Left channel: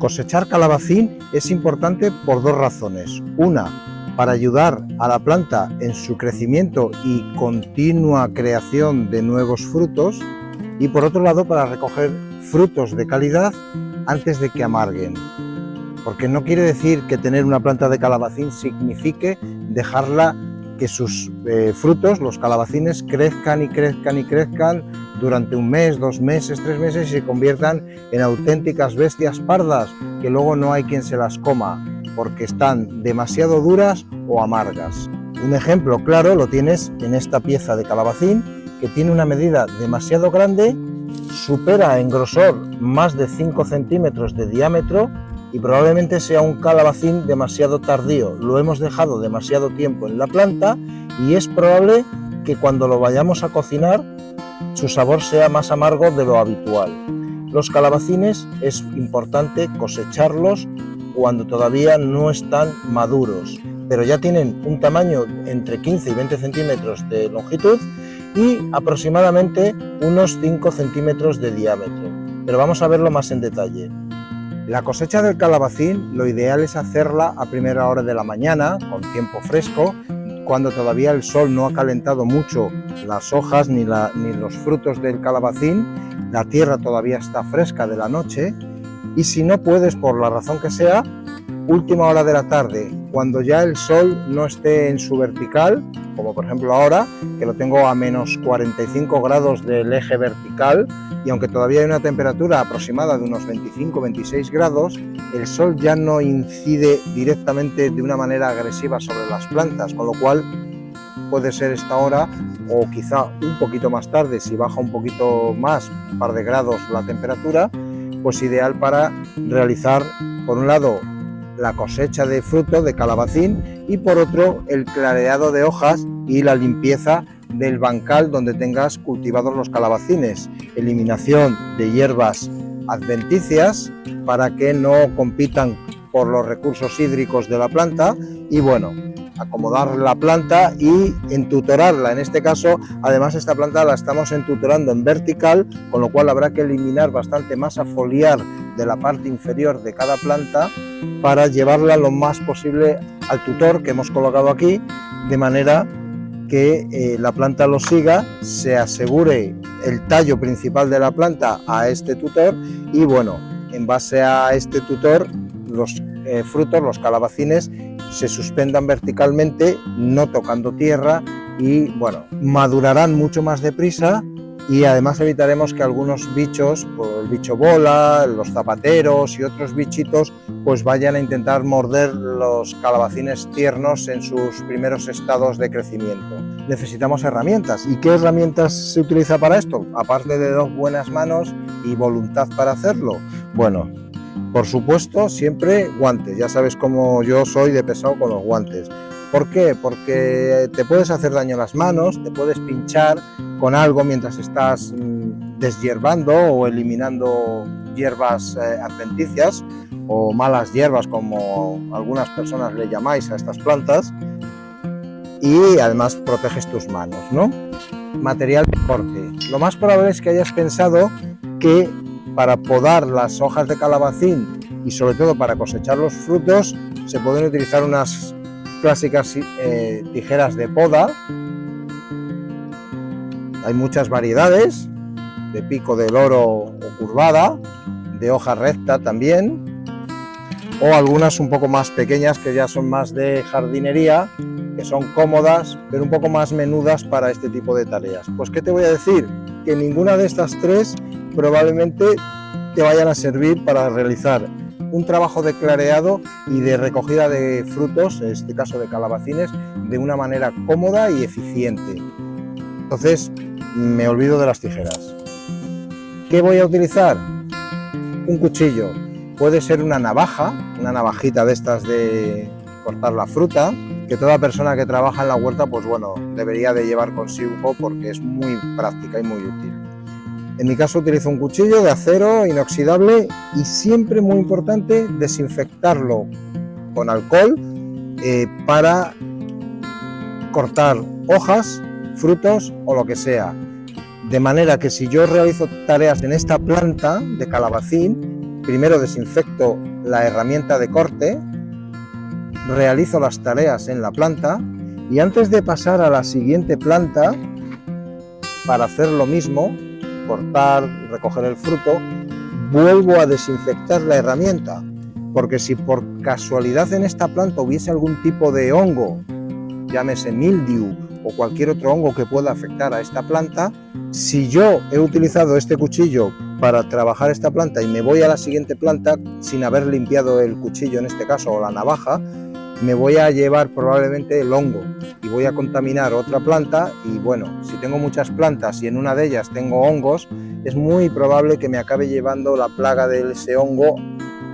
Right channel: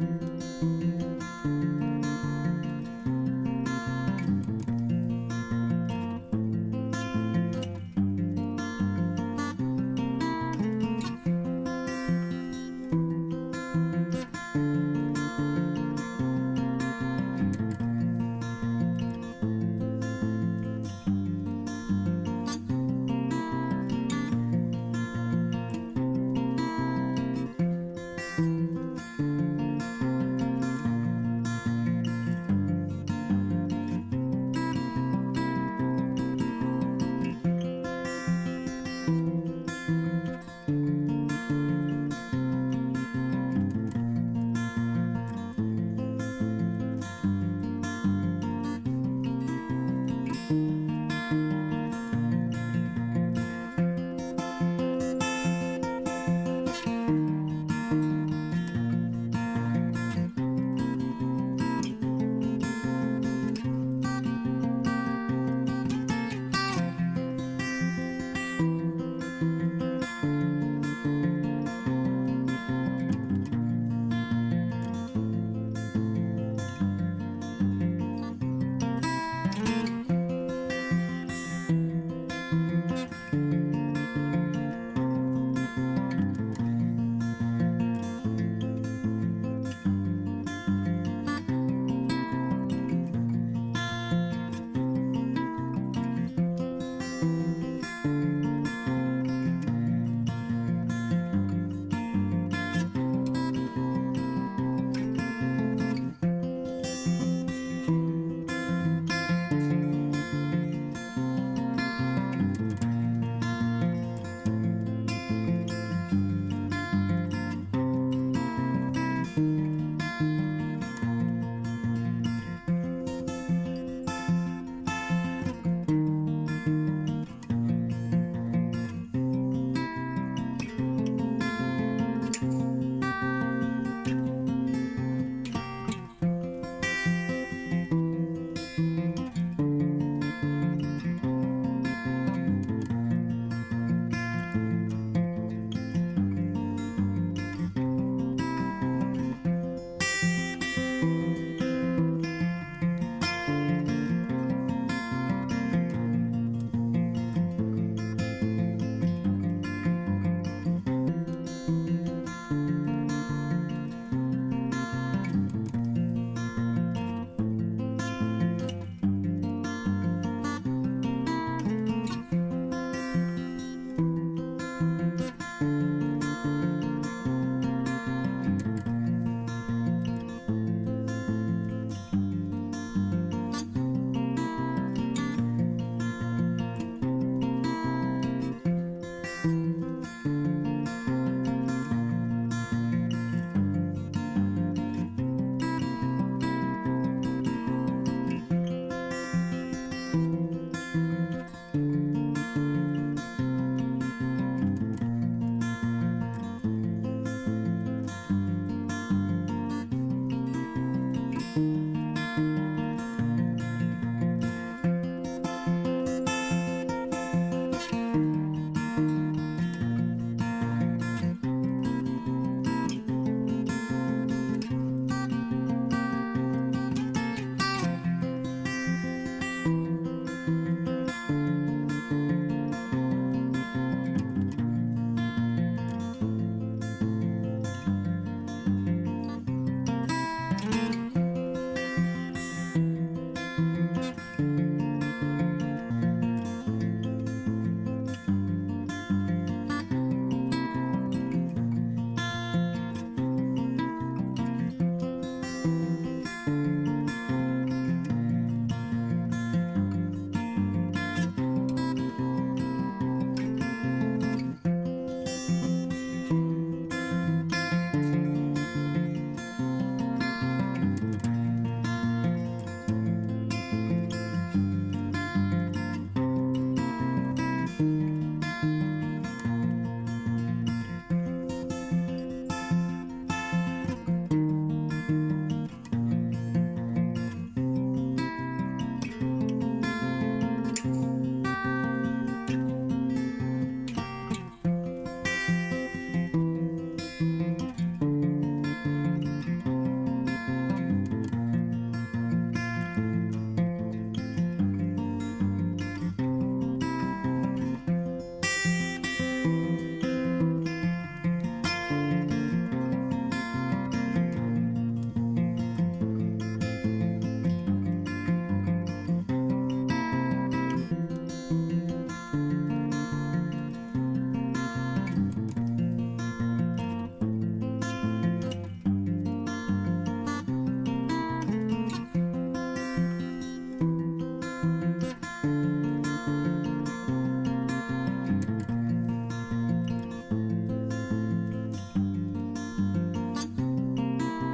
Cosechar calabacín es importante por dos razones. Una, para ayudar a la planta en su crecimiento y continua creación de nuevos frutos, y por otro lado para recoger frutos de calidad antes de que amarguen. Porque no quiere decir que tener una planta de calabacín signifique dejarla que sus frutos, los calabacines, crezcan y crezcan y crezcan durante un mes, 2 meses, 3 meses y se conviertan en auténticas bestias pardas que luego no hay quien se las coma porque están demasiado duras o amargas. Un ejemplo claro lo tienes en esta pieza de calabacín que tiene una medida demasiado grande, supera en grosor más de 5 centímetros de diámetro y probablemente sea un calabacín demasiado tardío. Lo hemos dejado demasiado tiempo en la planta y es probable que cuando lo vayamos a cocinar su sabor sea más amargo de lo habitual. Los calabacines es importante cosecharlos cuando todavía no están maduros, pero ya tienen un tamaño entre 15 y 20 centímetros de longitud y aproximadamente unos 5 centímetros de diámetro. Pero vamos a verlo más en detalle. La cosecha del calabacín lo ideal es hacerla a primera hora de la mañana, con tiempo fresco, cuando todavía el sol no ha calentado mucho las hojas ni los frutos del calabacín, la tierra todavía está fresca de la noche, y si no puedes, por la razón que sea, última hora de la tarde, cuando ya el sol no esté en su vertical, como por ejemplo ahora, que lo tengo a menos 45 grados del eje vertical, y aunque todavía hay una temperatura aproximada de unos 25-26 grados, el sol ya no incide directamente de una manera agresiva sobre las plantas, con lo cual puede ser esta hora o quizá un poquito más tarde, si baja un poquito más, un par de grados la temperatura, pues ideal para realizar, por un lado, la cosecha de fruto de calabacín y por otro, el clareado de hojas y la limpieza del bancal donde tengas cultivados los calabacines, eliminación de hierbas adventicias para que no compitan por los recursos hídricos de la planta y bueno, acomodar la planta y entutorarla. En este caso, además esta planta la estamos entutorando en vertical, con lo cual habrá que eliminar bastante masa foliar de la parte inferior de cada planta para llevarla lo más posible al tutor que hemos colocado aquí, de manera que la planta lo siga, se asegure el tallo principal de la planta a este tutor y bueno, en base a este tutor los frutos, los calabacines, se suspendan verticalmente, no tocando tierra y bueno, madurarán mucho más deprisa y además evitaremos que algunos bichos, el bicho bola, los zapateros y otros bichitos pues vayan a intentar morder los calabacines tiernos en sus primeros estados de crecimiento. Necesitamos herramientas. ¿Y qué herramientas se utiliza para esto? Aparte de 2 buenas manos y voluntad para hacerlo. Bueno, por supuesto, siempre guantes. Ya sabes cómo yo soy de pesado con los guantes. ¿Por qué? Porque te puedes hacer daño a las manos, te puedes pinchar con algo mientras estás deshierbando o eliminando hierbas adventicias o malas hierbas, como algunas personas le llamáis a estas plantas, y además proteges tus manos, ¿no? Material de corte. Lo más probable es que hayas pensado que para podar las hojas de calabacín y sobre todo para cosechar los frutos se pueden utilizar unas clásicas tijeras de poda. Hay muchas variedades, de pico de loro o curvada, de hoja recta también, o algunas un poco más pequeñas que ya son más de jardinería, que son cómodas, pero un poco más menudas para este tipo de tareas. Pues ¿qué te voy a decir? Que ninguna de estas tres probablemente te vayan a servir para realizar un trabajo de clareado y de recogida de frutos, en este caso de calabacines, de una manera cómoda y eficiente. Entonces me olvido de las tijeras. ¿Qué voy a utilizar? Un cuchillo. Puede ser una navaja, una navajita de estas de cortar la fruta, que toda persona que trabaja en la huerta, pues bueno, debería de llevar consigo porque es muy práctica y muy útil. En mi caso utilizo un cuchillo de acero inoxidable y siempre muy importante desinfectarlo con alcohol para cortar hojas, frutos o lo que sea. De manera que si yo realizo tareas en esta planta de calabacín, primero desinfecto la herramienta de corte, realizo las tareas en la planta y antes de pasar a la siguiente planta para hacer lo mismo, cortar, recoger el fruto, vuelvo a desinfectar la herramienta, porque si por casualidad en esta planta hubiese algún tipo de hongo, llámese mildew o cualquier otro hongo que pueda afectar a esta planta, si yo he utilizado este cuchillo para trabajar esta planta y me voy a la siguiente planta sin haber limpiado el cuchillo en este caso o la navaja, me voy a llevar probablemente el hongo y voy a contaminar otra planta y bueno, si tengo muchas plantas y en una de ellas tengo hongos, es muy probable que me acabe llevando la plaga de ese hongo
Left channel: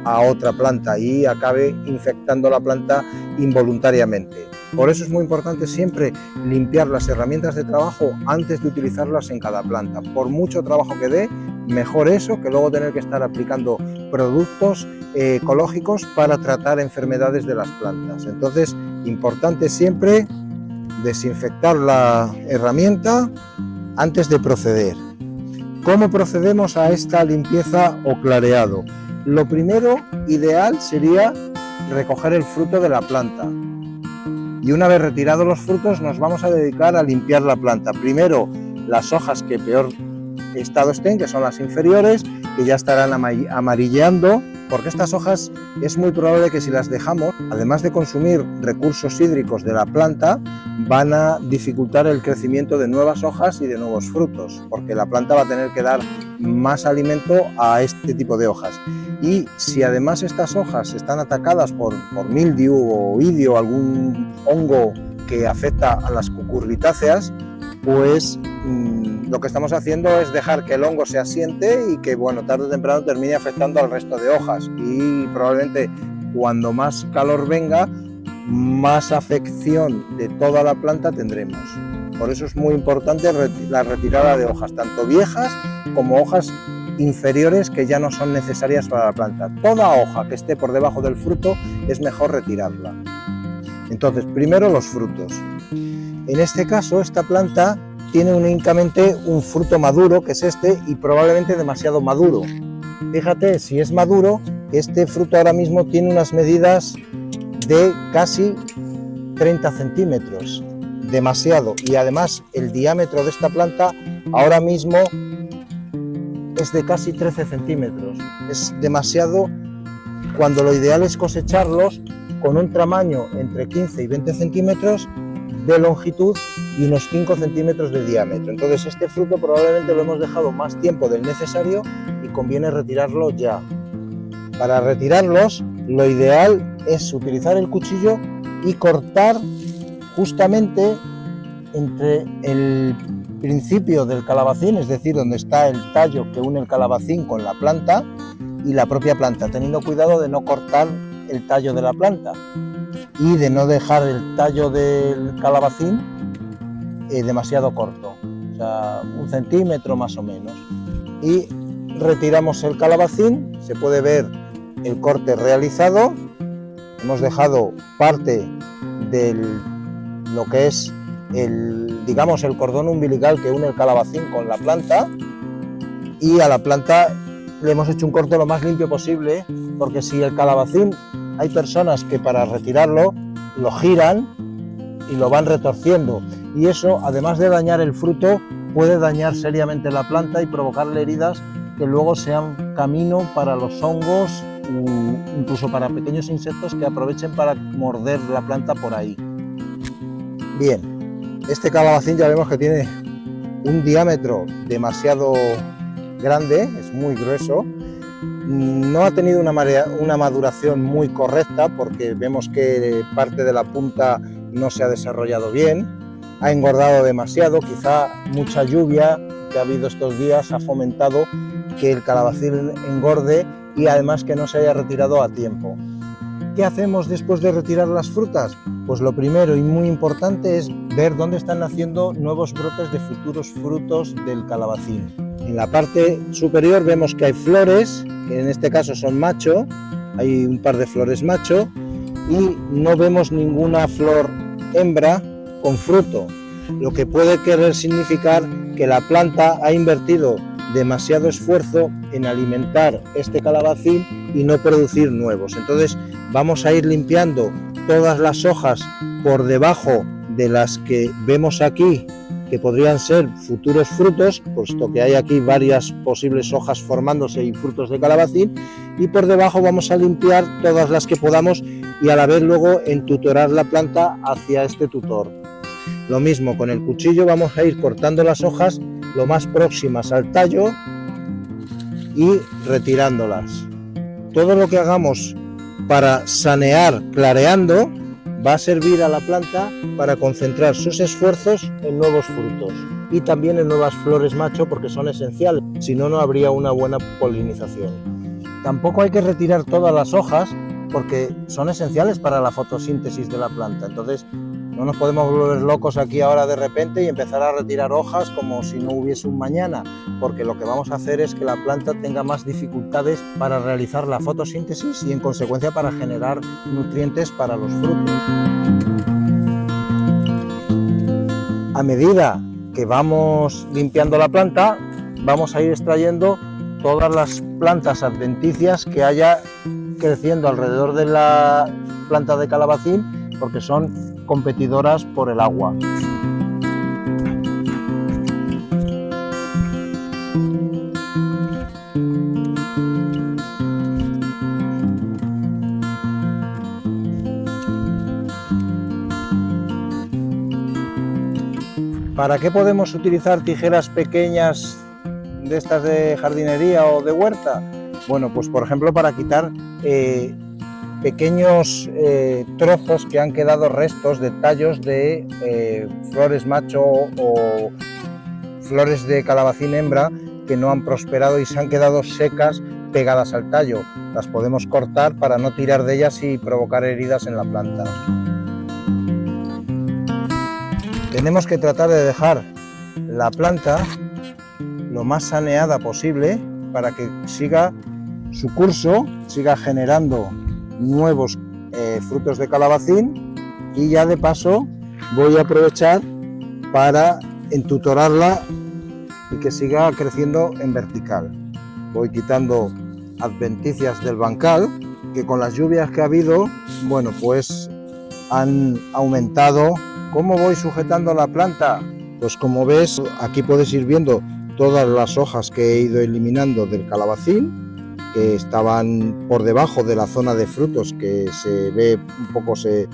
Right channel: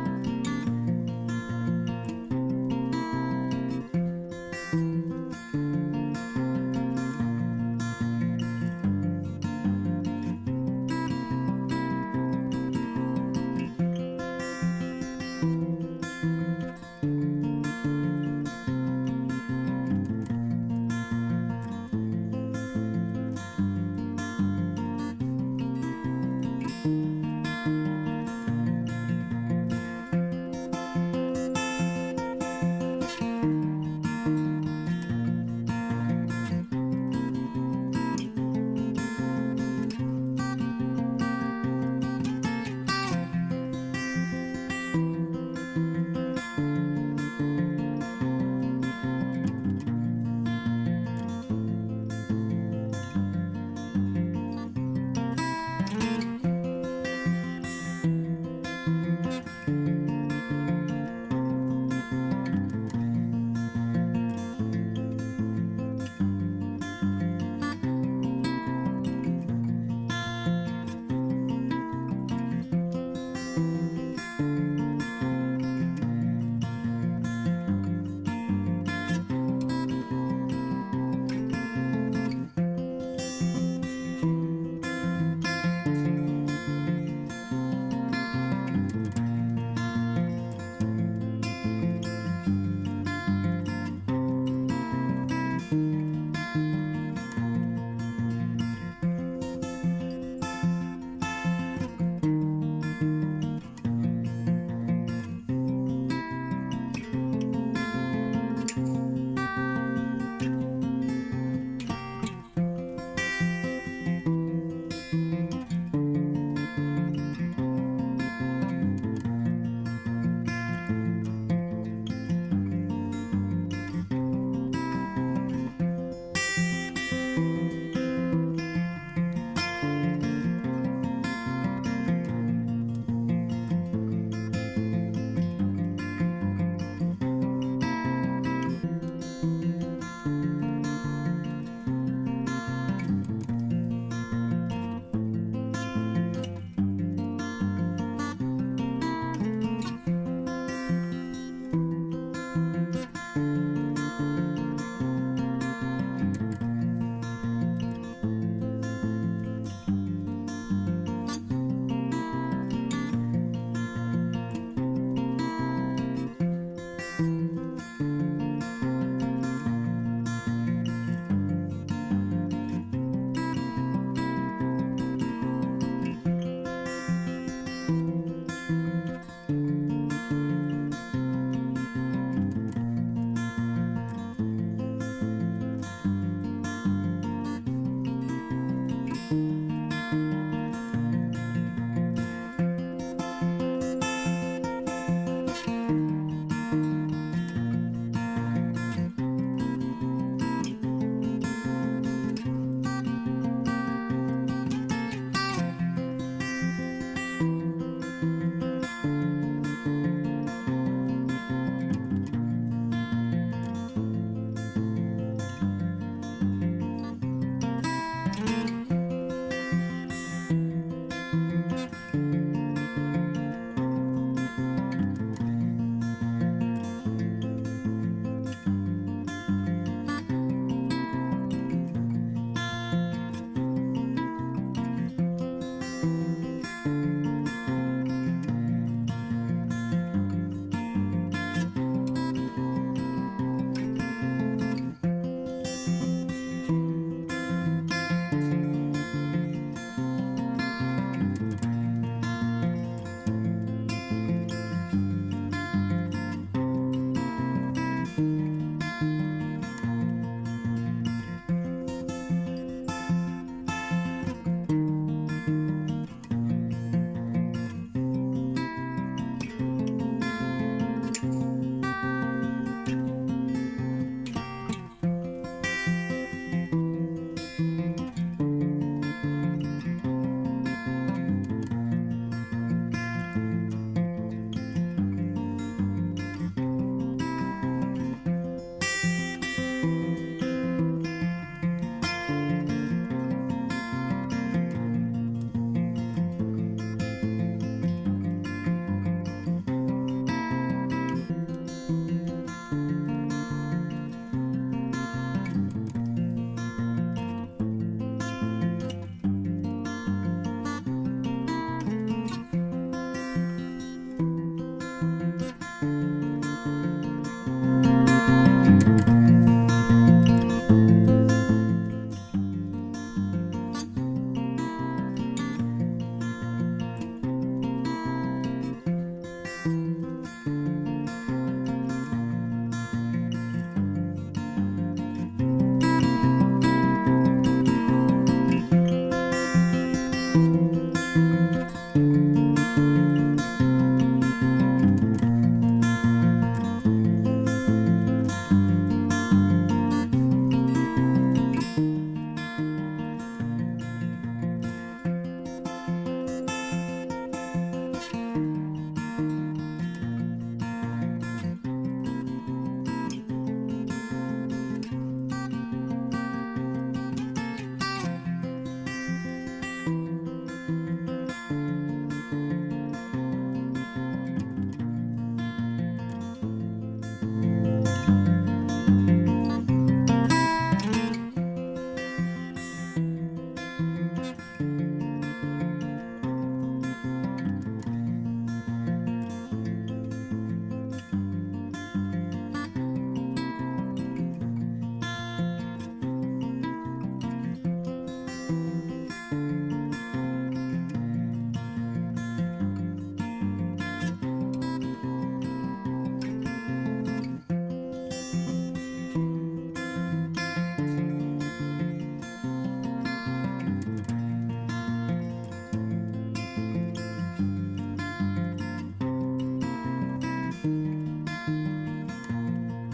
a otra planta y acabe infectando la planta involuntariamente. Por eso es muy importante siempre limpiar las herramientas de trabajo antes de utilizarlas en cada planta. Por mucho trabajo que dé, mejor eso que luego tener que estar aplicando productos ecológicos para tratar enfermedades de las plantas. Entonces, importante siempre desinfectar la herramienta antes de proceder. ¿Cómo procedemos a esta limpieza o clareado? Lo primero, ideal, sería recoger el fruto de la planta. Y una vez retirados los frutos, nos vamos a dedicar a limpiar la planta. Primero, las hojas que peor estado estén, que son las inferiores, que ya estarán amarilleando, porque estas hojas es muy probable que si las dejamos, además de consumir recursos hídricos de la planta, van a dificultar el crecimiento de nuevas hojas y de nuevos frutos, porque la planta va a tener que dar más alimento a este tipo de hojas. Y si además estas hojas están atacadas por mildew o idio, algún hongo que afecta a las cucurbitáceas, pues lo que estamos haciendo es dejar que el hongo se asiente y que bueno, tarde o temprano termine afectando al resto de hojas y probablemente cuando más calor venga, más afección de toda la planta tendremos. Por eso es muy importante la retirada de hojas, tanto viejas como hojas inferiores que ya no son necesarias para la planta. Toda hoja que esté por debajo del fruto es mejor retirarla. Entonces, primero los frutos. En este caso, esta planta tiene únicamente un fruto maduro, que es este, y probablemente demasiado maduro. Fíjate, si es maduro, este fruto ahora mismo tiene unas medidas de casi 30 centímetros, demasiado. Y además, el diámetro de esta planta ahora mismo es de casi 13 centímetros. Es demasiado, cuando lo ideal es cosecharlos con un tamaño entre 15 y 20 centímetros de longitud y unos 5 centímetros de diámetro. Entonces este fruto probablemente lo hemos dejado más tiempo del necesario y conviene retirarlo ya. Para retirarlos, lo ideal es utilizar el cuchillo y cortar justamente entre el principio del calabacín, es decir, donde está el tallo que une el calabacín con la planta y la propia planta, teniendo cuidado de no cortar el tallo de la planta y de no dejar el tallo del calabacín demasiado corto, o sea, 1 centímetro más o menos. Y retiramos el calabacín, se puede ver el corte realizado, hemos dejado parte de lo que es digamos el cordón umbilical que une el calabacín con la planta, y a la planta le hemos hecho un corte lo más limpio posible, porque si el calabacín, hay personas que para retirarlo lo giran y lo van retorciendo, y eso, además de dañar el fruto, puede dañar seriamente la planta y provocarle heridas que luego sean camino para los hongos o incluso para pequeños insectos que aprovechen para morder la planta por ahí. Bien, este calabacín ya vemos que tiene un diámetro demasiado grande, es muy grueso. No ha tenido una maduración muy correcta porque vemos que parte de la punta no se ha desarrollado bien, ha engordado demasiado, quizá mucha lluvia que ha habido estos días ha fomentado que el calabacín engorde y además que no se haya retirado a tiempo. ¿Qué hacemos después de retirar las frutas? Pues lo primero y muy importante es ver dónde están naciendo nuevos brotes de futuros frutos del calabacín. En la parte superior vemos que hay flores, que en este caso son macho, hay un par de flores macho, y no vemos ninguna flor hembra con fruto, lo que puede querer significar que la planta ha invertido demasiado esfuerzo en alimentar este calabacín y no producir nuevos. Entonces vamos a ir limpiando todas las hojas por debajo de las que vemos aquí, que podrían ser futuros frutos, puesto que hay aquí varias posibles hojas formándose y frutos de calabacín, y por debajo vamos a limpiar todas las que podamos y a la vez luego entutorar la planta hacia este tutor. Lo mismo con el cuchillo, vamos a ir cortando las hojas lo más próximas al tallo y retirándolas. Todo lo que hagamos para sanear clareando va a servir a la planta para concentrar sus esfuerzos en nuevos frutos y también en nuevas flores macho, porque son esenciales, si no, no habría una buena polinización. Tampoco hay que retirar todas las hojas porque son esenciales para la fotosíntesis de la planta, entonces no nos podemos volver locos aquí ahora de repente y empezar a retirar hojas como si no hubiese un mañana, porque lo que vamos a hacer es que la planta tenga más dificultades para realizar la fotosíntesis y en consecuencia para generar nutrientes para los frutos. A medida que vamos limpiando la planta, vamos a ir extrayendo todas las plantas adventicias que haya creciendo alrededor de la planta de calabacín, porque son competidoras por el agua. ¿Para qué podemos utilizar tijeras pequeñas de estas de jardinería o de huerta? Bueno, pues por ejemplo para quitar pequeños trozos que han quedado restos de tallos de flores macho o flores de calabacín hembra que no han prosperado y se han quedado secas pegadas al tallo. Las podemos cortar para no tirar de ellas y provocar heridas en la planta. Tenemos que tratar de dejar la planta lo más saneada posible para que siga su curso, siga generando nuevos frutos de calabacín, y ya de paso voy a aprovechar para entutorarla y que siga creciendo en vertical. Voy quitando adventicias del bancal que con las lluvias que ha habido, bueno, pues han aumentado. ¿Cómo voy sujetando la planta? Pues como ves, aquí puedes ir viendo todas las hojas que he ido eliminando del calabacín, que estaban por debajo de la zona de frutos, que se ve un poco, se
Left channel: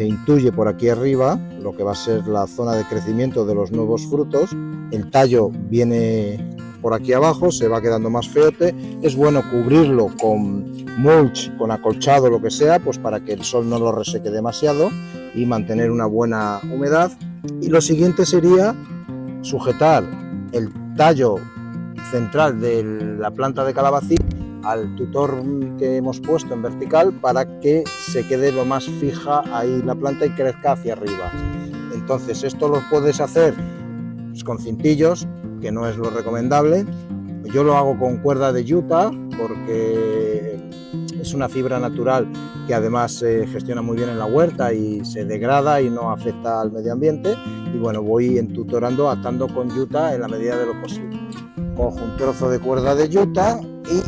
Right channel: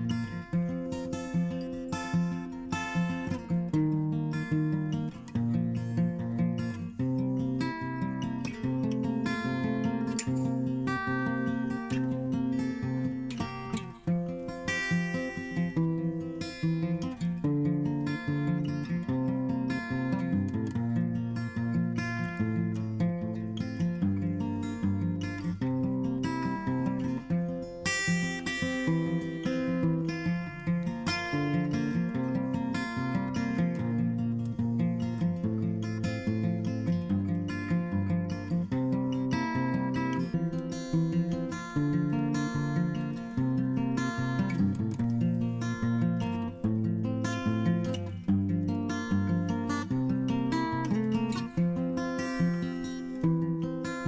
intuye por aquí arriba lo que va a ser la zona de crecimiento de los nuevos frutos. El tallo viene por aquí abajo, se va quedando más feote. Es bueno cubrirlo con mulch, con acolchado, lo que sea, pues para que el sol no lo reseque demasiado y mantener una buena humedad. Y lo siguiente sería sujetar el tallo central de la planta de calabacín al tutor que hemos puesto en vertical para que se quede lo más fija ahí la planta y crezca hacia arriba. Entonces esto lo puedes hacer pues con cintillos, que no es lo recomendable. Yo lo hago con cuerda de yuta porque es una fibra natural que además se gestiona muy bien en la huerta y se degrada y no afecta al medio ambiente. Y bueno, voy entutorando, atando con yuta en la medida de lo posible. Cojo un trozo de cuerda de yuta y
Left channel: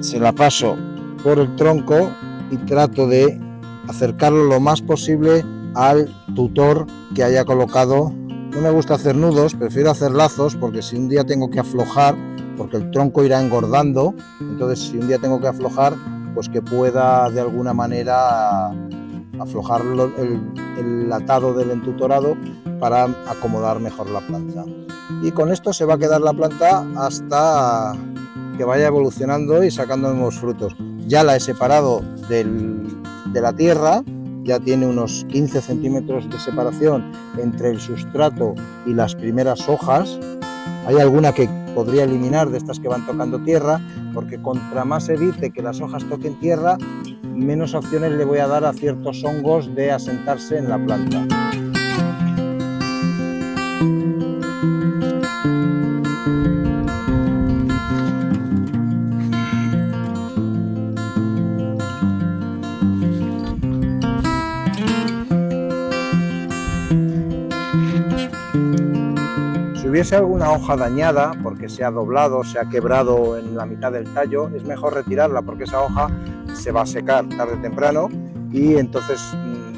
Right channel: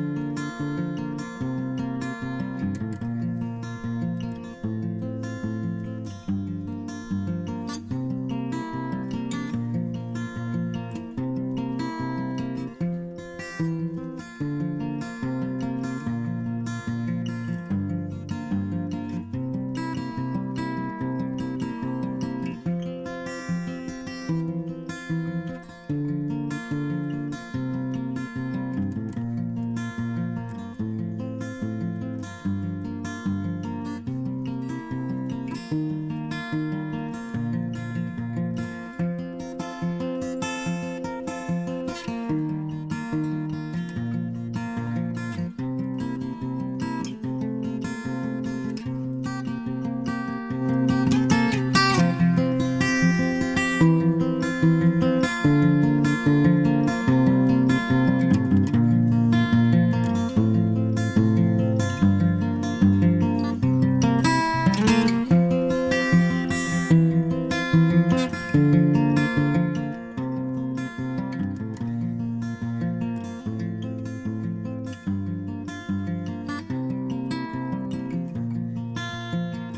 se la paso por el tronco y trato de acercarlo lo más posible al tutor que haya colocado. No me gusta hacer nudos, prefiero hacer lazos, porque si un día tengo que aflojar, porque el tronco irá engordando, entonces si un día tengo que aflojar, pues que pueda de alguna manera aflojar el atado del entutorado para acomodar mejor la planta. Y con esto se va a quedar la planta hasta que vaya evolucionando y sacando nuevos frutos. Ya la he separado de la tierra, ya tiene unos 15 centímetros de separación entre el sustrato y las primeras hojas. Hay alguna que podría eliminar de estas que van tocando tierra, porque contra más evite que las hojas toquen tierra, menos opciones le voy a dar a ciertos hongos de asentarse en la planta. Si hubiese alguna hoja dañada, porque se ha doblado, se ha quebrado en la mitad del tallo, es mejor retirarla porque esa hoja se va a secar tarde o temprano y entonces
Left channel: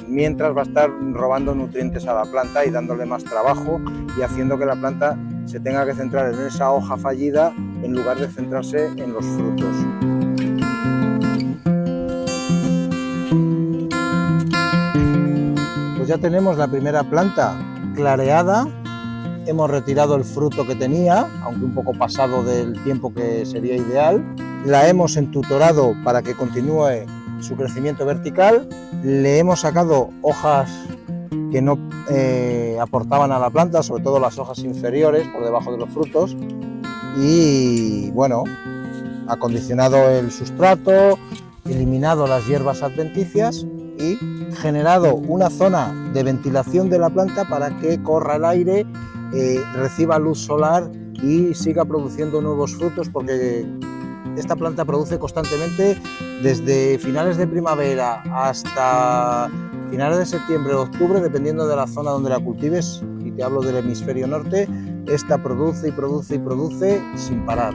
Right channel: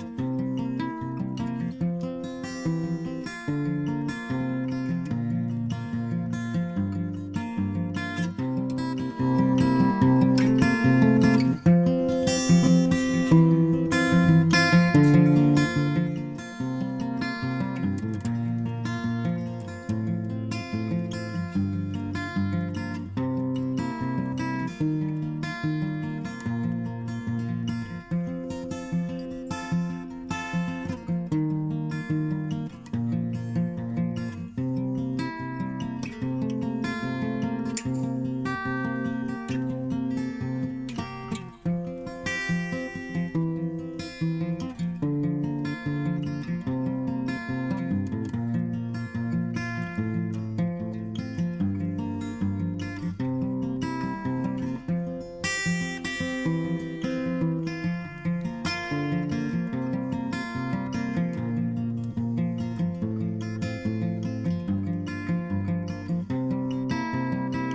mientras va a estar robando nutrientes a la planta y dándole más trabajo y haciendo que la planta se tenga que centrar en esa hoja fallida en lugar de centrarse en los frutos. Pues ya tenemos la primera planta clareada, hemos retirado el fruto que tenía, aunque un poco pasado del tiempo que sería ideal, la hemos entutorado para que continúe su crecimiento vertical, le hemos sacado hojas que no aportaban a la planta, sobre todo las hojas inferiores por debajo de los frutos, y bueno, acondicionado el sustrato, eliminado las hierbas adventicias y generado una zona de ventilación de la planta para que corra el aire, reciba luz solar y siga produciendo nuevos frutos, porque esta planta produce constantemente desde finales de primavera hasta finales de septiembre o octubre, dependiendo de la zona donde la cultives, y te hablo del hemisferio norte. Esta produce y produce y produce sin parar.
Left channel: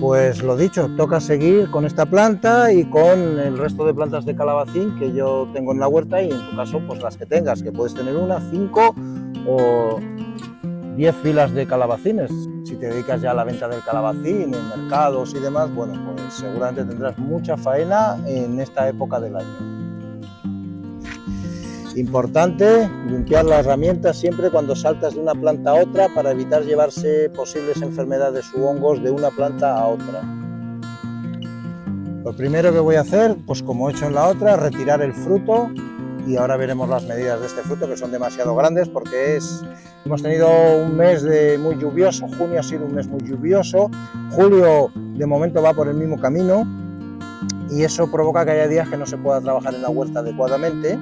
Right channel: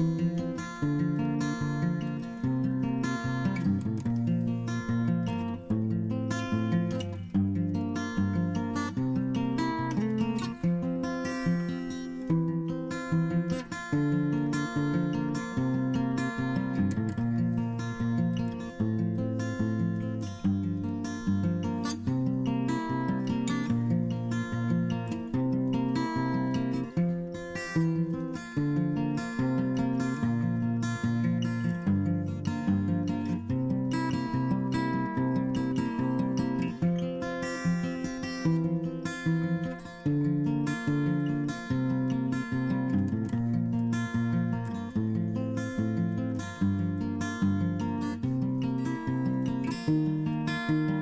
Pues lo dicho, toca seguir con esta planta y con el resto de plantas de calabacín que yo tengo en la huerta, y en tu caso pues las que tengas, que puedes tener 1, 5 o 10 filas de calabacines. Si te dedicas ya a la venta del calabacín en mercados y demás, bueno, pues seguramente tendrás mucha faena en esta época del año. Importante limpiar las herramientas siempre cuando saltas de una planta a otra para evitar llevarse posibles enfermedades u hongos de una planta a otra. Lo primero que voy a hacer, pues como he hecho en la otra, retirar el fruto, y ahora veremos las medidas de este fruto, que son demasiado grandes porque hemos tenido un mes muy lluvioso. Junio ha sido un mes muy lluvioso, julio de momento va por el mismo camino y eso provoca que haya días que no se pueda trabajar en la huerta adecuadamente.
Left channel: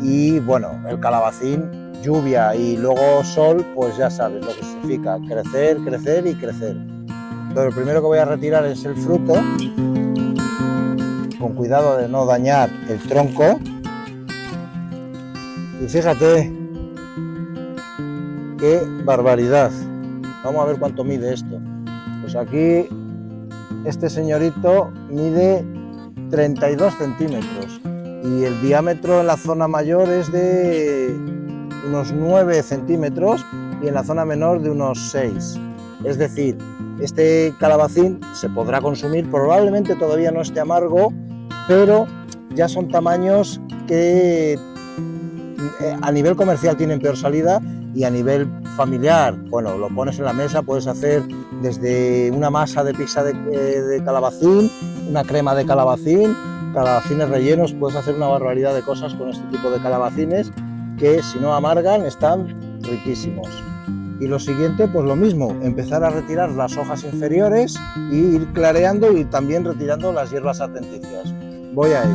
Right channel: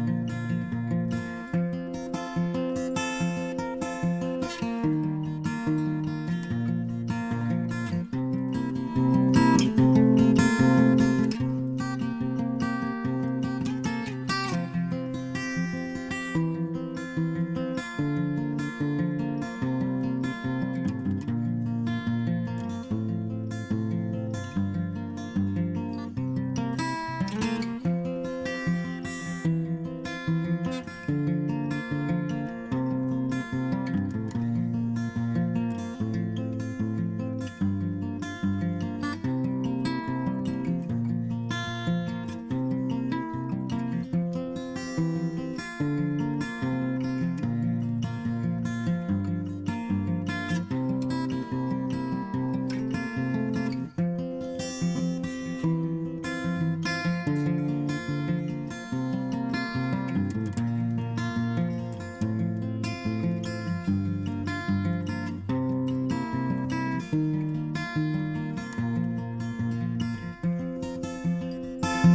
Y bueno, el calabacín, lluvia y luego sol, pues ya sabes lo que significa: crecer, crecer y crecer. Entonces, lo primero que voy a retirar es el fruto, con cuidado de no dañar el tronco. Y fíjate qué barbaridad. Vamos a ver cuánto mide esto. Pues aquí este señorito mide 32 centímetros. Y el diámetro en la zona mayor es de unos 9 centímetros y en la zona menor de unos 6. Es decir, este calabacín se podrá consumir, probablemente todavía no esté amargo, pero ya son tamaños que a nivel comercial tienen peor salida, y a nivel familiar, bueno, lo pones en la mesa, puedes hacer desde una masa de pizza de calabacín, una crema de calabacines rellenos, puedes hacer una barbaridad de cosas con este tipo de calabacines que, si no amargan, están riquísimos. Y lo siguiente, pues lo mismo, empezar a retirar las hojas inferiores y ir clareando y también retirando las hierbas adventicias. Voy a ello.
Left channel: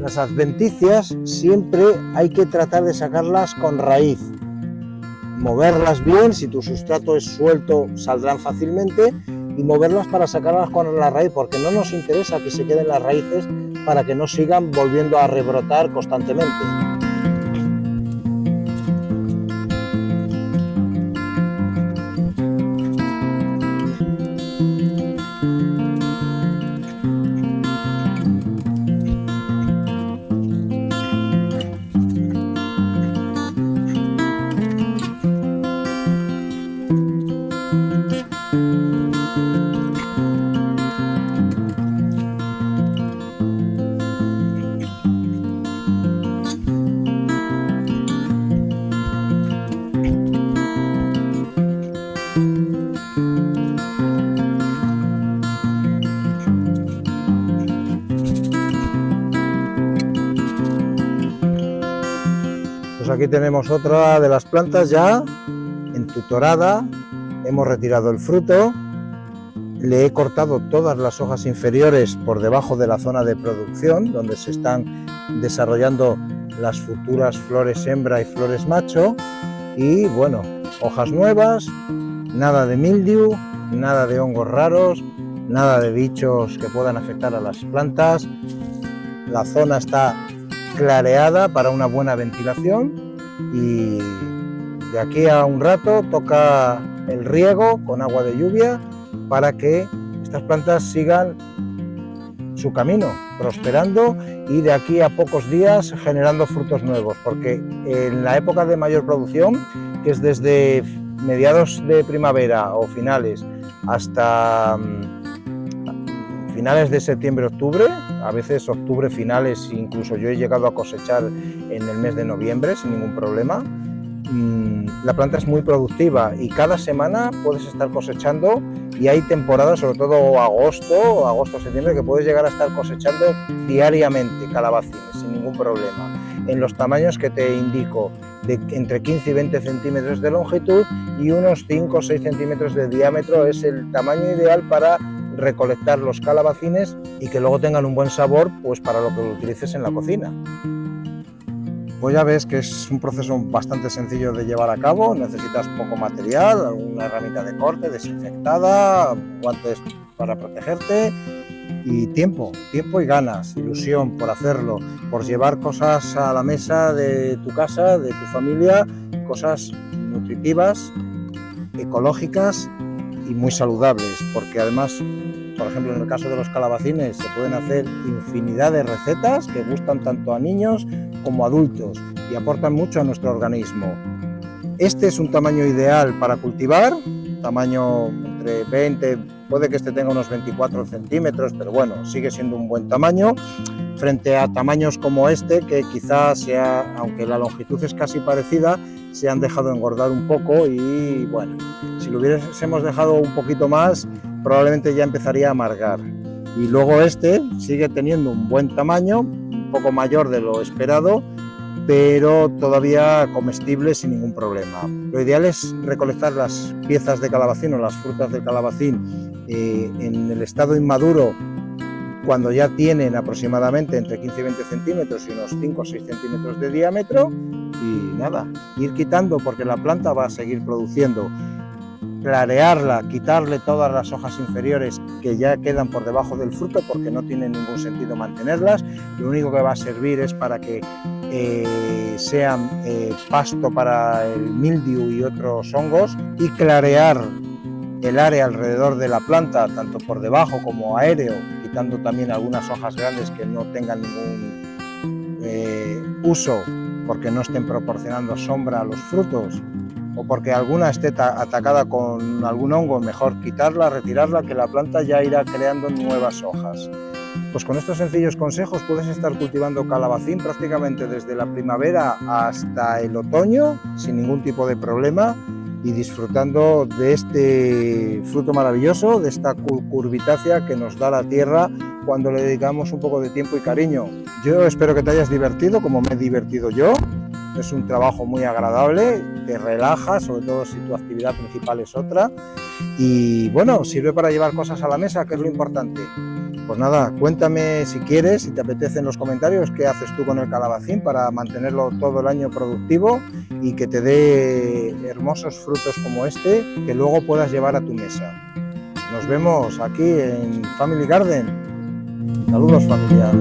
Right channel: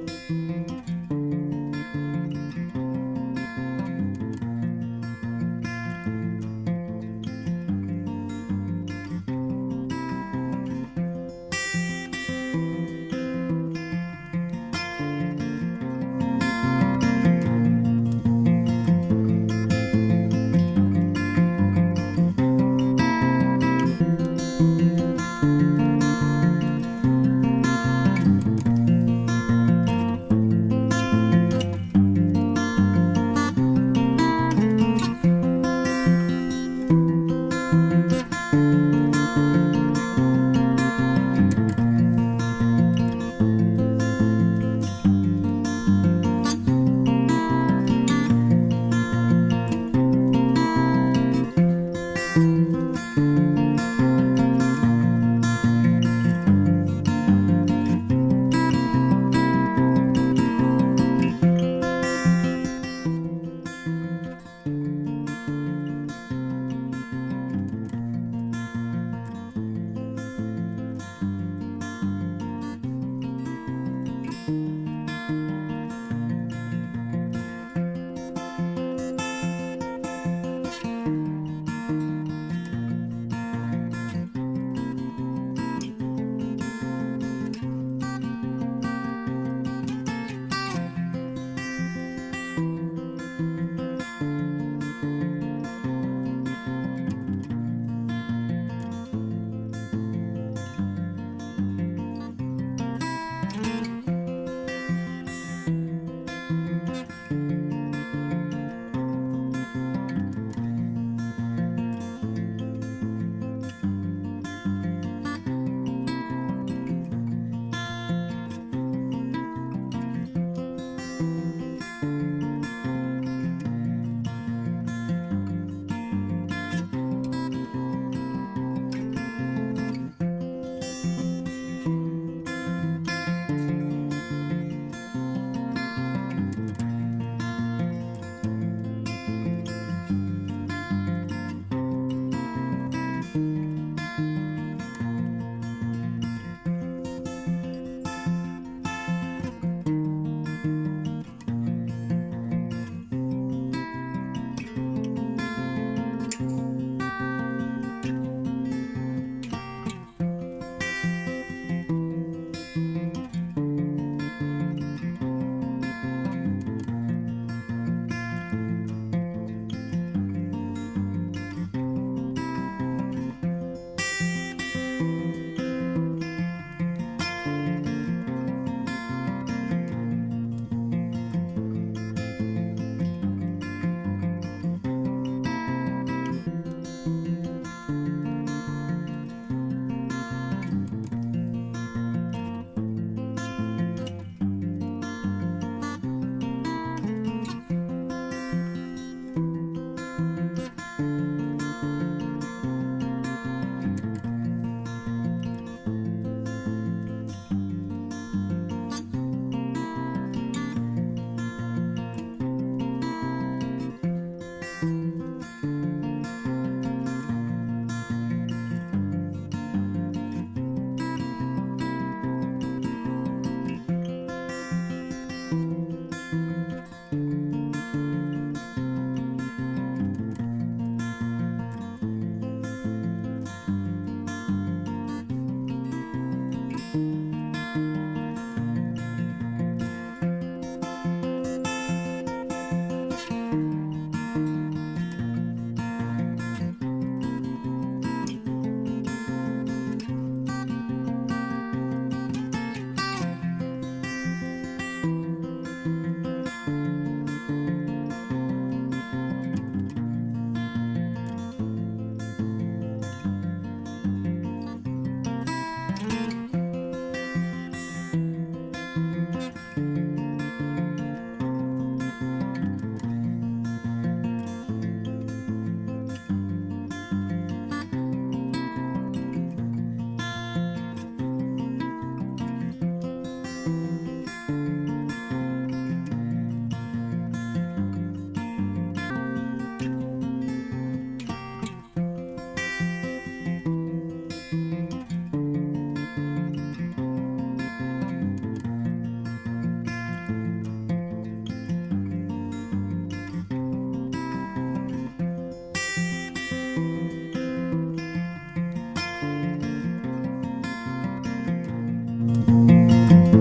Las adventicias siempre hay que tratar de sacarlas con raíz, moverlas bien. Si tu sustrato es suelto saldrán fácilmente, y moverlas para sacarlas con la raíz, porque no nos interesa que se queden las raíces para que no sigan volviendo a rebrotar constantemente. Pues aquí tenemos otra de las plantas ya entutorada. Hemos retirado el fruto, le he cortado todas las hojas inferiores por debajo de la zona de producción, donde se están desarrollando las futuras flores hembra y flores macho, y bueno, hojas nuevas, nada de mildiu, nada de hongos raros, nada de bichos que puedan afectar a las plantas. La zona está clareada para una buena ventilación y de aquí a un rato toca el riego con agua de lluvia para que estas plantas sigan su camino, prosperando y de aquí a pocos días generando frutos nuevos, porque en la época de mayor producción, que es desde mediados de primavera o finales hasta finales de septiembre-octubre, a veces octubre finales, incluso yo he llegado a cosechar en el mes de noviembre sin ningún problema. La planta es muy productiva y cada semana puedes estar cosechando, y hay temporadas, sobre todo agosto, septiembre, que puedes llegar a estar cosechando diariamente calabacines sin ningún problema, en los tamaños que te indico, de entre 15 y 20 centímetros de longitud y unos 5 o 6 centímetros de diámetro. Es el tamaño ideal para recolectar los calabacines y que luego tengan un buen sabor, pues para lo que lo utilices en la cocina. Pues ya ves que es un proceso bastante sencillo de llevar a cabo, necesitas poco material, una herramienta de corte desinfectada, guantes para protegerte y tiempo y ganas, ilusión por hacerlo, por llevar cosas a la mesa de tu casa, de tu familia, cosas nutritivas, ecológicas y muy saludables, porque además, por ejemplo, en el caso de los calabacines se pueden hacer infinidad de recetas que gustan tanto a niños como adultos y aportan mucho a nuestro organismo. Este es un tamaño ideal para cultivar, tamaño entre 20, puede que este tenga unos 24 centímetros, pero bueno, sigue siendo un buen tamaño, frente a tamaños como este, que quizás sea, aunque la longitud es casi parecida, se han dejado engordar un poco y bueno, si lo hubiésemos dejado un poquito más, probablemente ya empezaría a amargar. Y luego este sigue teniendo un buen tamaño, un poco mayor de lo esperado, pero todavía comestible sin ningún problema. Lo ideal es recolectar las piezas de calabacín o las frutas del calabacín en el estado inmaduro, cuando ya tienen aproximadamente entre 15 y 20 centímetros y unos 5 o 6 centímetros de diámetro, y nada, ir quitando porque la planta va a seguir produciendo. Clarearla, quitarle todas las hojas inferiores que ya quedan por debajo del fruto, porque no tiene ningún sentido mantenerlas. Lo único que va a servir es para que sean pasto para el mildiu y otros hongos, y clarear el área alrededor de la planta, tanto por debajo como aéreo, quitando también algunas hojas grandes que no tengan ningún uso, porque no estén proporcionando sombra a los frutos, o porque alguna esté atacada con algún hongo, mejor quitarla, retirarla, que la planta ya irá creando nuevas hojas. Pues con estos sencillos consejos puedes estar cultivando calabacín prácticamente desde la primavera hasta el otoño sin ningún tipo de problema, y disfrutando de este fruto maravilloso, de esta curvitácea que nos da la tierra cuando le dedicamos un poco de tiempo y cariño. Yo espero que te hayas divertido como me he divertido yo. Es un trabajo muy agradable, te relaja, sobre todo si tu actividad principal es otra, y bueno, sirve para llevar cosas a la mesa, que es lo importante. Pues nada, cuéntame si quieres, si te apetece, en los comentarios qué haces tú con el calabacín para mantenerlo todo el año productivo y que te dé hermosos frutos como este que luego puedas llevar a tu mesa. Nos vemos aquí en Family Garden. Saludos, familia.